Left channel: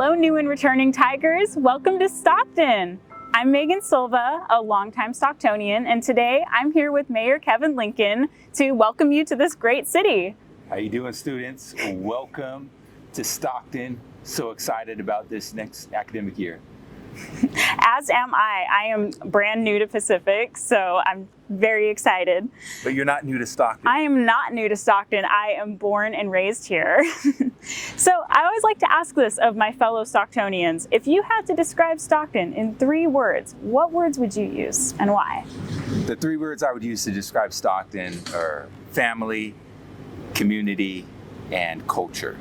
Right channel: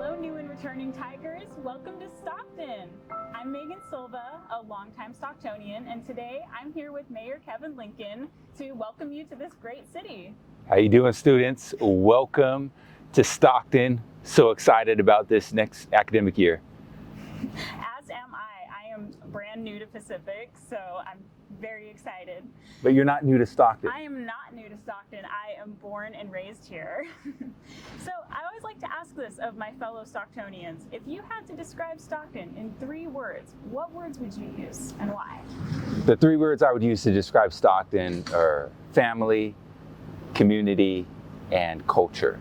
Hello, new and returning Tigers. Welcome to Stockton. I'm Megan Silva, a longtime Stocktonian, and today I'm here with Mayor Kevin Lincoln to welcome you to this great city. How you doing, students? Welcome to Stockton. So excited about this next academic year. As am I. I am brand new to Pacific, so I'm very excited. But you're not new to Stockton. I am not new to Stockton. I am born and raised here. So I always like to ask this of my fellow Stocktonians. If you had to describe Stockton in 3 words, what words would you use and why? The 3 words I would use to describe Stockton are family, community, and culture.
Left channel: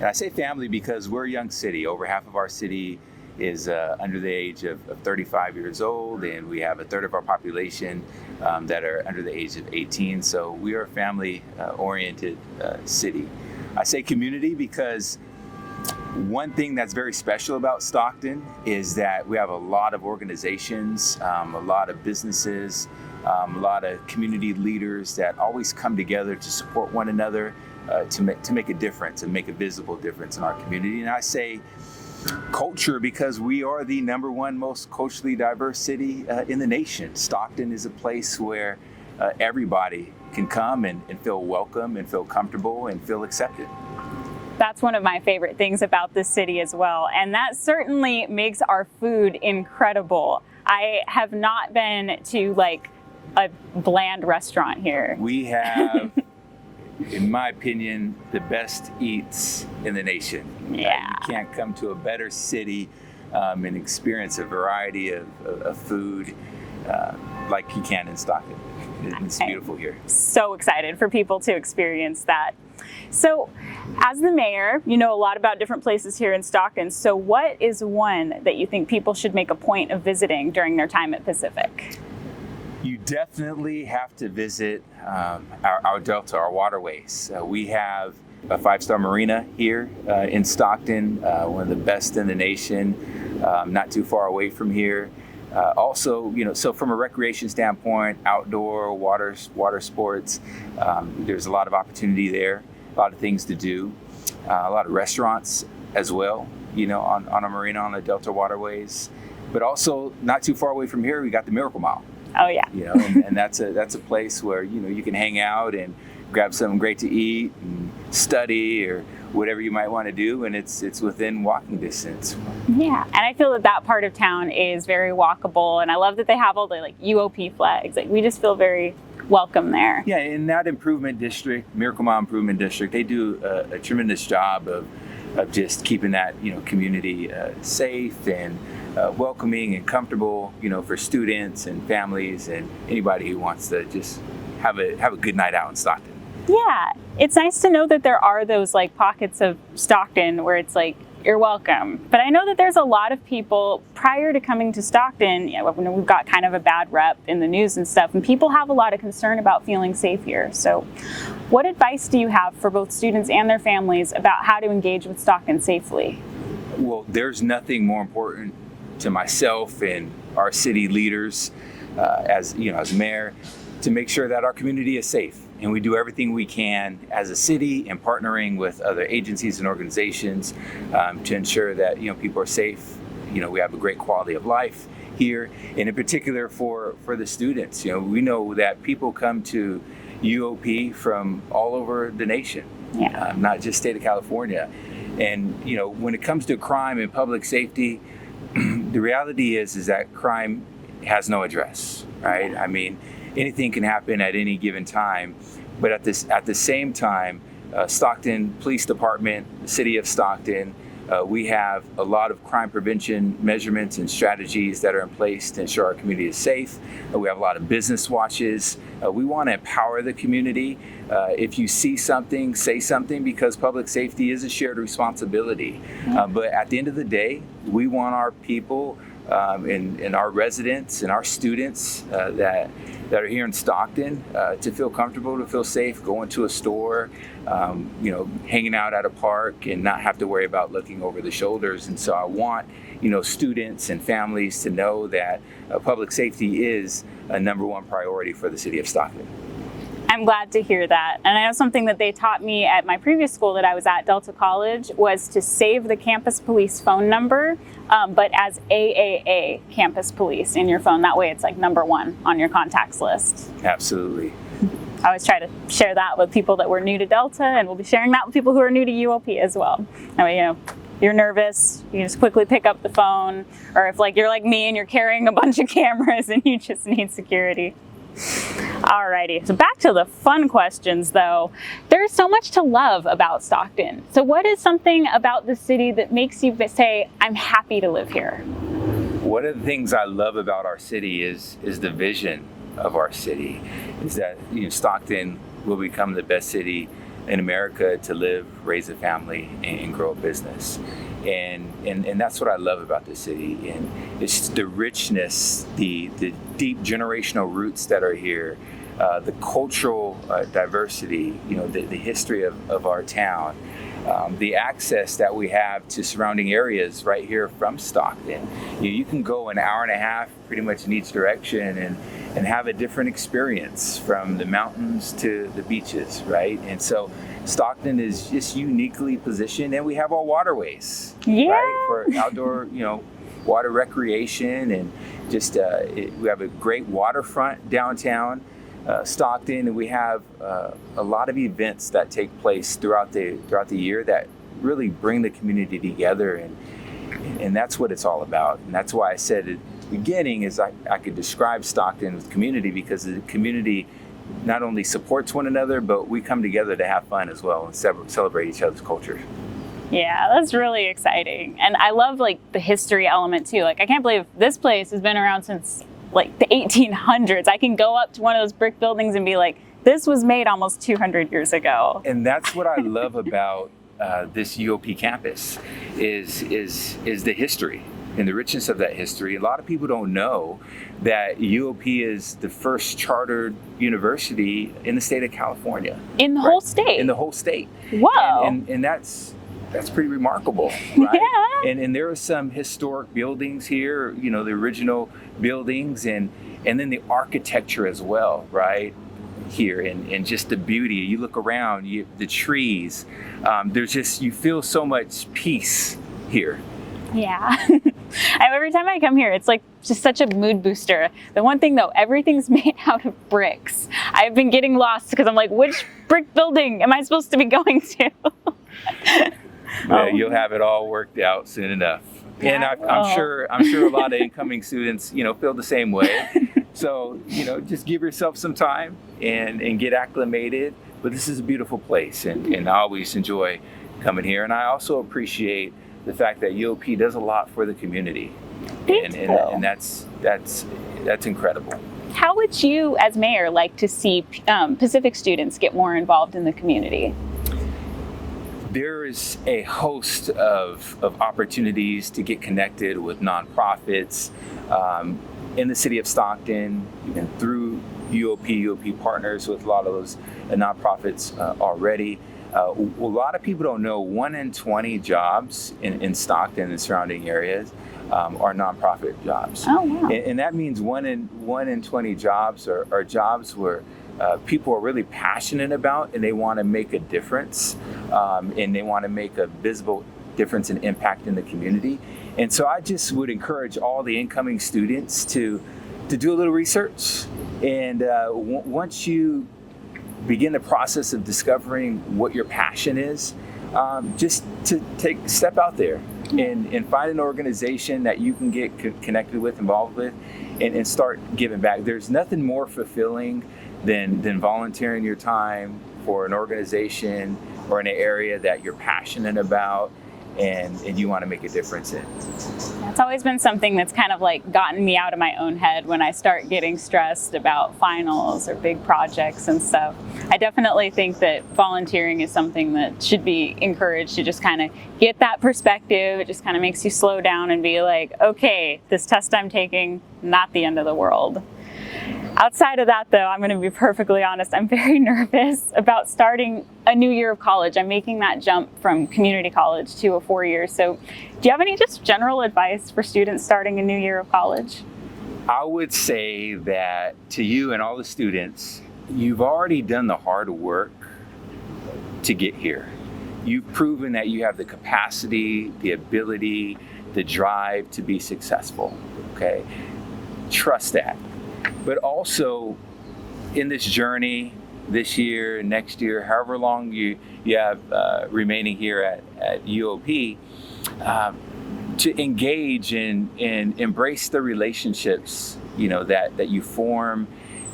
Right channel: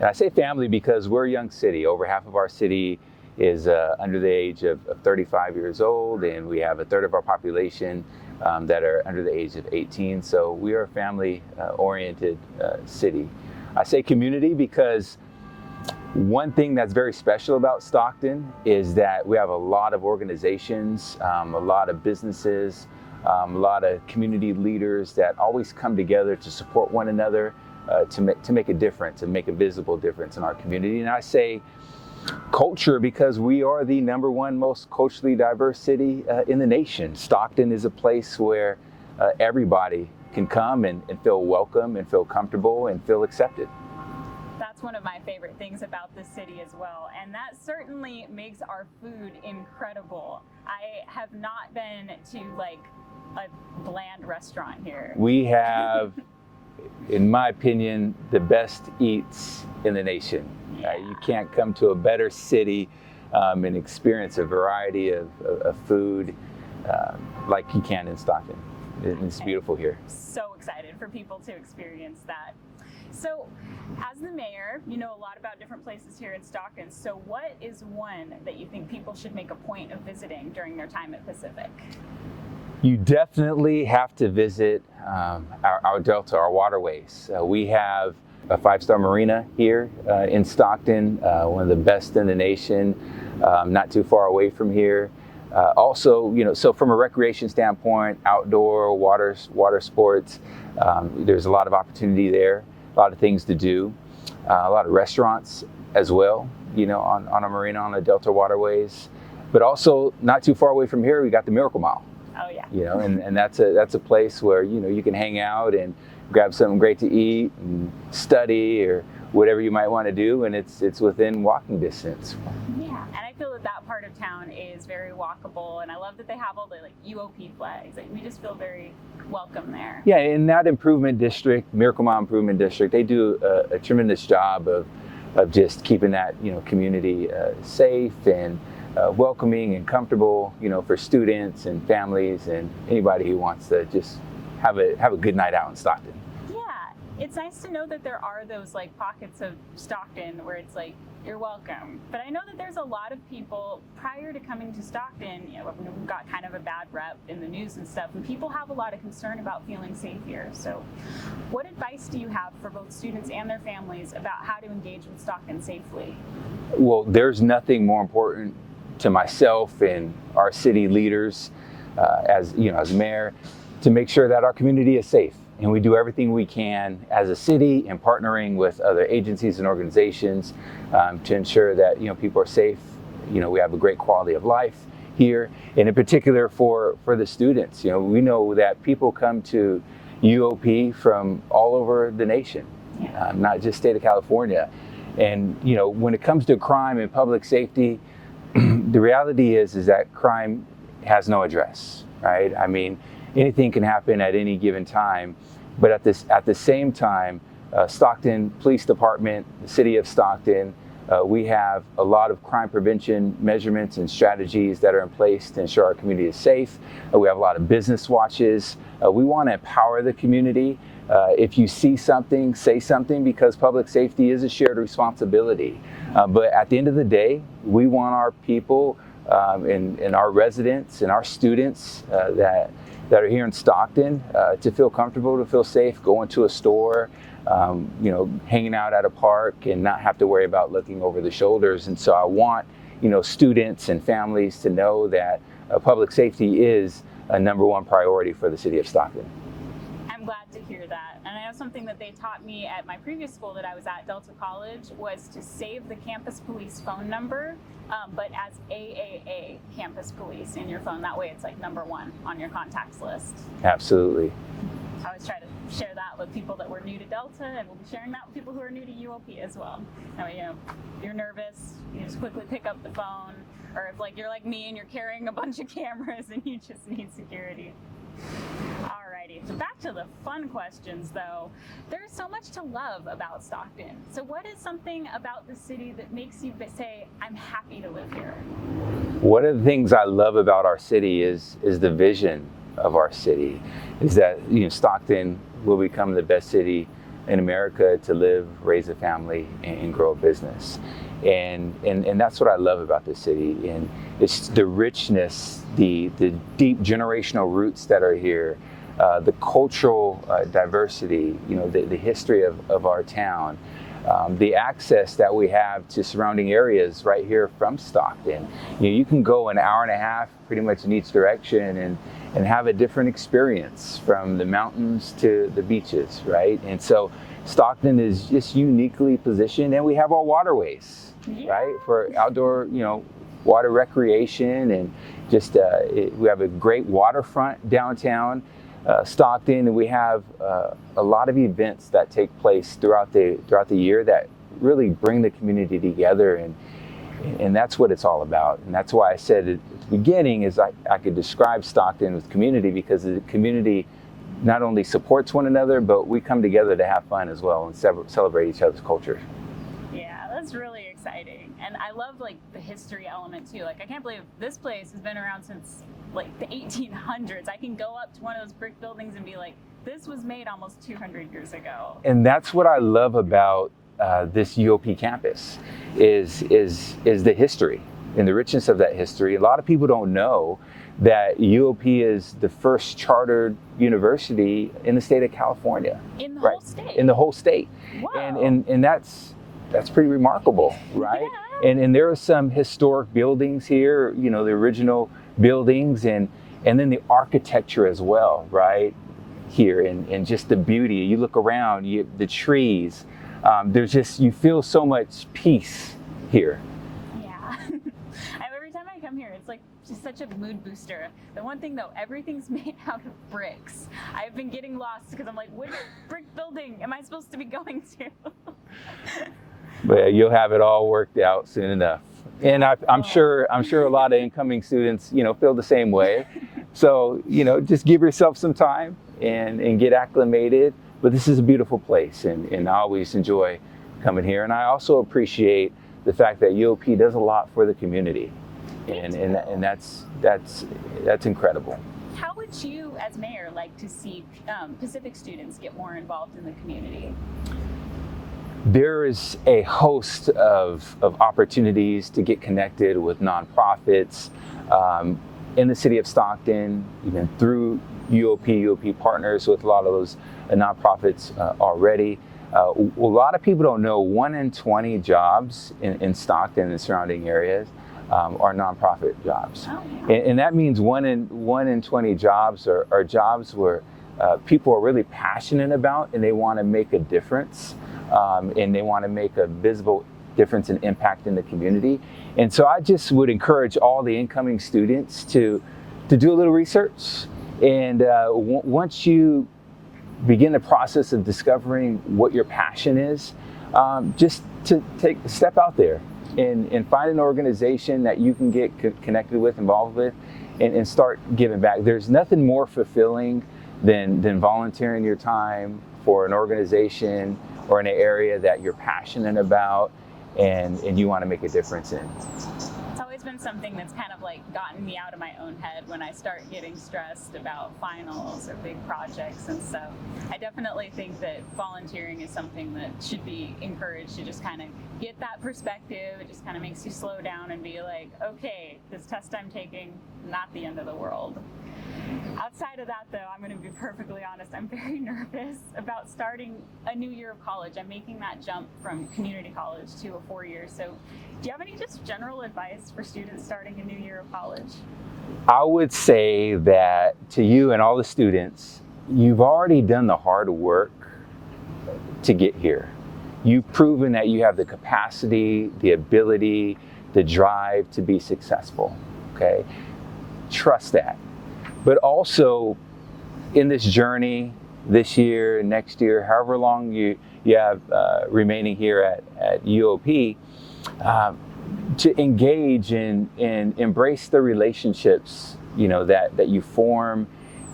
And I say family because we're a young city. Over half of our city is under the age of 35 years old, and we have a third of our population that are under the age of 18. So we are a family-oriented city. I say community because one thing that's very special about Stockton is that we have a lot of organizations, a lot of businesses, a lot of community leaders that always come together to support one another, to make a difference and make a visible difference in our community. And I say culture because we are the #1 most culturally diverse city in the nation. Stockton is a place where everybody can come and feel welcome and feel comfortable and feel accepted. That's one of my favorite things about this city as well, and that certainly makes our food incredible. I have not been to like a bland restaurant here. We have, in my opinion, the best eats in the nation. Yeah. You can't come to a better city and experience a variety of food like you can in Stockton. It's beautiful here. So excited for people to experience that. So as the mayor, you know a lot about different places here in Stockton. So what is one that you think people should make a point of visiting during their time at Pacific? You definitely have to visit our Delta, our waterways. We have a 5-star marina here in Stockton, one of the best in the nation, not too far away from here. Also, so from a recreation standpoint, outdoor water sports, there's a lot of opportunity there, a lot of things to do, a lot of restaurants as well, on a marina on the Delta waterways. But also, not too far away from here, we got the Miracle Mile. Oh yeah. And that's a place where you can hang out and grab something great to eat and study or whatever you might want to do, and it's within walking distance. Yeah, and I feel that part of town is very walkable, and I love that they have all the like UOP flags. Like we just feel very welcome there. Yeah, in that improvement district, Miracle Mile Improvement District, they do a tremendous job of just keeping that community safe and welcoming and comfortable, for students and families and anybody who wants to just have a good night out in Stockton. Yeah, it's nice to know that there are those like pockets of Stockton where it's like, you're welcome. But I know that there's a lot of people prior to coming to Stockton, when we've got kind of a bad rep in the news and stuff, and people have a lot of concern about feeling safe here. So what advice do you have for both students and their families about how to engage with Stockton safely? Well, there's nothing more important to myself and our city leaders as mayor to make sure that our community is safe. And we do everything we can as a city and partnering with other agencies and organizations to ensure that people are safe. We have a great quality of life here, and in particular for the students. We know that people come to UOP from all over the nation, not just state of California. And when it comes to crime and public safety, the reality is that crime has no address, right? I mean, anything can happen at any given time, but at the same time, Stockton Police Department, the City of Stockton, we have a lot of crime prevention measurements and strategies that are in place to ensure our community is safe. We have a lot of business watches. We want to empower the community. If you see something, say something, because public safety is a shared responsibility. But at the end of the day, we want our people and our residents and our students that are here in Stockton to feel comfortable, to feel safe, going to a store, hanging out at a park and not have to worry about looking over the shoulders. And so I want, students and families to know that public safety is a #1 priority for the city of Stockton. I'm glad to hear that. And I know something that they taught me at my previous school that I was at, Delta College, was to save the campus police phone number, but as AAA campus police in your phone. That way it's like number one on your contacts list. Absolutely. I always try to share that with people that were new to Delta, and we'll be sharing that with people who are new to UOP as well. I mean, you're nervous, you just quickly pick up the phone, or if like you're like me and you're carrying a bunch of cameras and you just need security. Alrighty, so back to the fun questions though. There's so much to love about Stockton. So what is something about the city that makes you say, I'm happy to live here? One of the things I love about our city is the vision of our city, is that Stockton will become the best city in America to live, raise a family, and grow a business. And that's what I love about this city. And it's the richness, the deep generational roots that are here, the cultural diversity, the history of our town, the access that we have to surrounding areas right here from Stockton. You can go an hour and a half pretty much in each direction and have a different experience, from the mountains to the beaches, right? And so Stockton is just uniquely positioned, and we have our waterways, right, for outdoor, water recreation, and just we have a great waterfront downtown Stockton, and we have a lot of events that take place throughout the year that really bring the community together, and that's what it's all about. And that's why I said at the beginning is I could describe Stockton with community, because the community not only supports one another, but we come together to have fun as well and celebrate each other's culture. Yeah, that's really exciting. And I love like the history element too. Like, I can't believe this place has been around since like the 1800s. I can go up to one of those brick buildings and be like, this was made almost 200 years ago. And that's what I love about this UOP campus is the history and the richness of that history. A lot of people don't know that UOP is the first chartered university in the state of California. In the whole state? In the whole state. Wow. And that's pretty remarkable, right? Yeah. And there are some historic buildings here, the original buildings, and then the architecture as well, right? Here, and just the beauty. You look around, the trees, there's just, you feel so much peace here. Yeah. Every time I come here, it's like just such a mood booster. The one thing though, everything's made out of bricks. I've been getting lost because I'm like, which brick building am I supposed to be going to? But you'll have it all worked out soon enough. And I'm sure a lot of incoming students, feel the same way. So, just give yourself some time and get acclimated. But this is a beautiful place, and I always enjoy coming here. And I also appreciate the fact that UOP does a lot for the community, and that's incredible. How would you, as mayor, like to see Pacific students get more involved in the community? There is a host of opportunities to get connected with nonprofits in the city of Stockton, even through UOP partners with a lot of those nonprofits already. A lot of people don't know 1 in 20 jobs in Stockton and the surrounding areas are nonprofit jobs. Oh, wow. And that means 1 in 20 jobs are jobs where people are really passionate about, and they want to make a difference, and they want to make a visible difference and impact in the community. And so I just would encourage all the incoming students to do a little research, and once you begin the process of discovering what your passion is, just to take a step out there and find an organization that you can get connected with, involved with, and start giving back. There's nothing more fulfilling than volunteering your time for an organization or in an area that you're passionate about and you want to make a difference in. It's always been something that's kind of like gotten me out of my own head when I start getting stressed about finals or big projects and stuff. I definitely think that volunteering is something that should be encouraged to just kind of get that perspective. It just kind of makes you slow down and be like, okay, this test I'm taking, not the end of the world. Outside of that, though, I'm going to be perfectly honest, I'm very nervous about starting a new year of college. I'm making that jump from community college to a 4-year. So do you have any just general advice for students starting a new year of college? I would say that to you and all the students, you've already done the hard work to get here. You've proven that you have the capacity, the ability, the drive to be successful, okay? Trust that. But also, in this journey, this year, next year, however long you have remaining here at UOP, to engage and embrace the relationships, that you form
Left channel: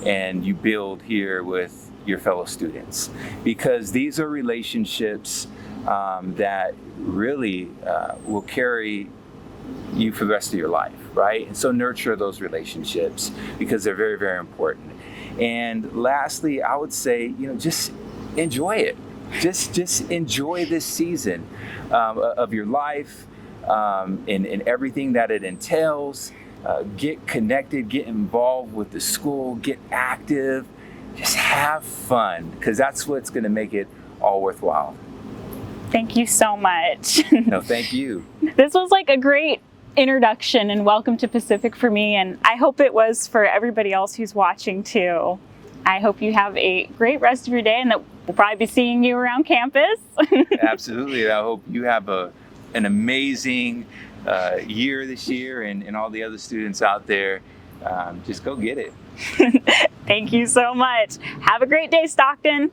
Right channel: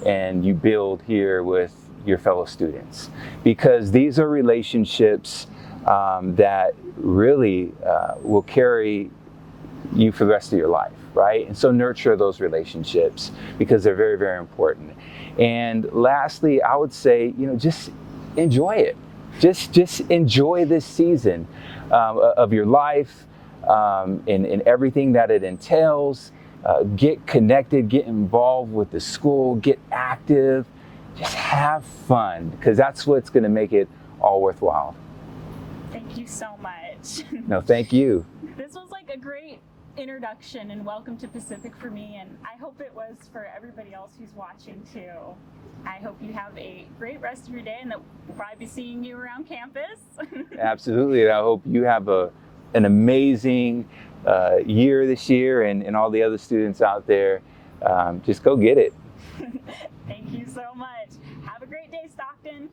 and you build here with your fellow students, because these are relationships that really will carry you for the rest of your life, right? And so nurture those relationships because they're very, very important. And lastly, I would say, just enjoy it. Just enjoy this season of your life and everything that it entails. Get connected, get involved with the school, get active, just have fun, because that's what's going to make it all worthwhile. Thank you so much. No, thank you. This was like a great introduction and welcome to Pacific for me, and I hope it was for everybody else who's watching too. I hope you have a great rest of your day and that we'll probably be seeing you around campus. Absolutely. I hope you have an amazing year this year, and all the other students out there, just go get it. Thank you so much. Have a great day, Stockton.